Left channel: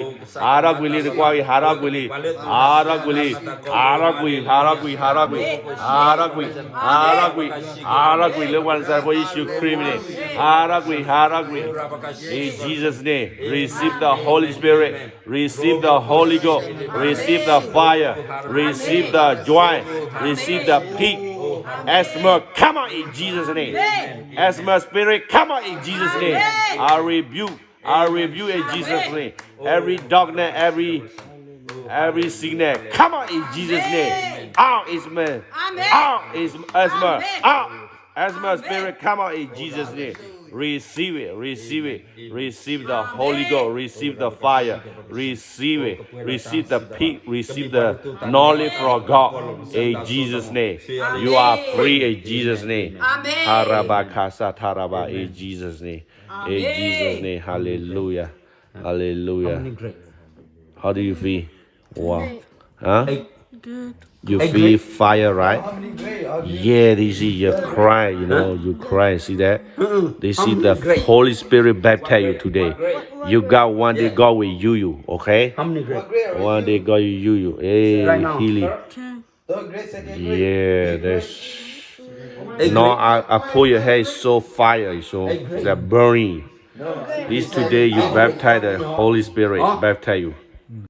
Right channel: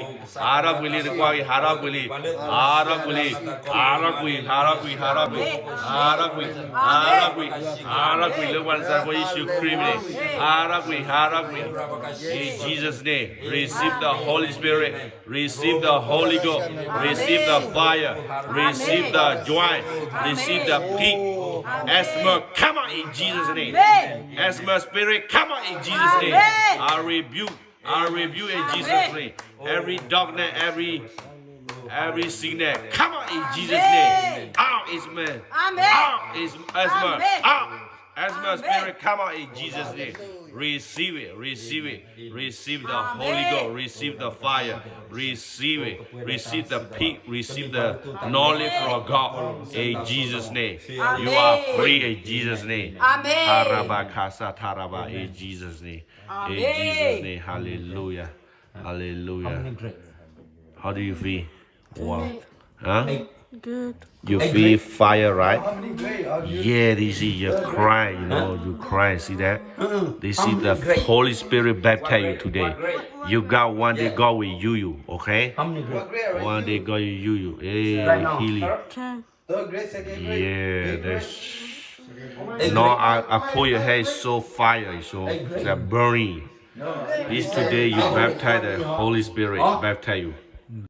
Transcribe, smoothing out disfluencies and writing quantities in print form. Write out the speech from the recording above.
Haraguli, the Kwai, Haraguli, Haraguli, Haragui, Haragui, Haragui, Haragui, Haragui, Haragui, the ones that were issued criminal, Haragui, Haragui. In Jesus' name, receive the Holy Spirit, receive the Holy Ghost, receive the fire, receive the joy, receive the peace. Asthma, come out in Jesus' name. Asthma spirit, come out in Jesus' name. I rebuke in Jesus' name. Every darkness, every sickness, come out in Jesus' name. Out is man. Out is asthma. Out. Asthma spirit, come out in Jesus' name. Receive it, receive it, receive the Holy Ghost, receive the fire, receive it, receive the peace, receive the knowledge from God in Jesus' name. You are free in Jesus' name. Harabakasa taraba in Jesus' name. In Jesus' name, hallelujah, hallelujah. How do you feel? Wow. Huh? Good. You feel fire, right? Yeah, they see you cry, you cry. See that? They see the Holy Spirit baptize you today. You got one day God will use you, okay? One day God will use you. Hey, healing. Yeah, that's. No, I pull your hair so fire, so it's like burning. This today you baptize the Holy Spirit, baptize you.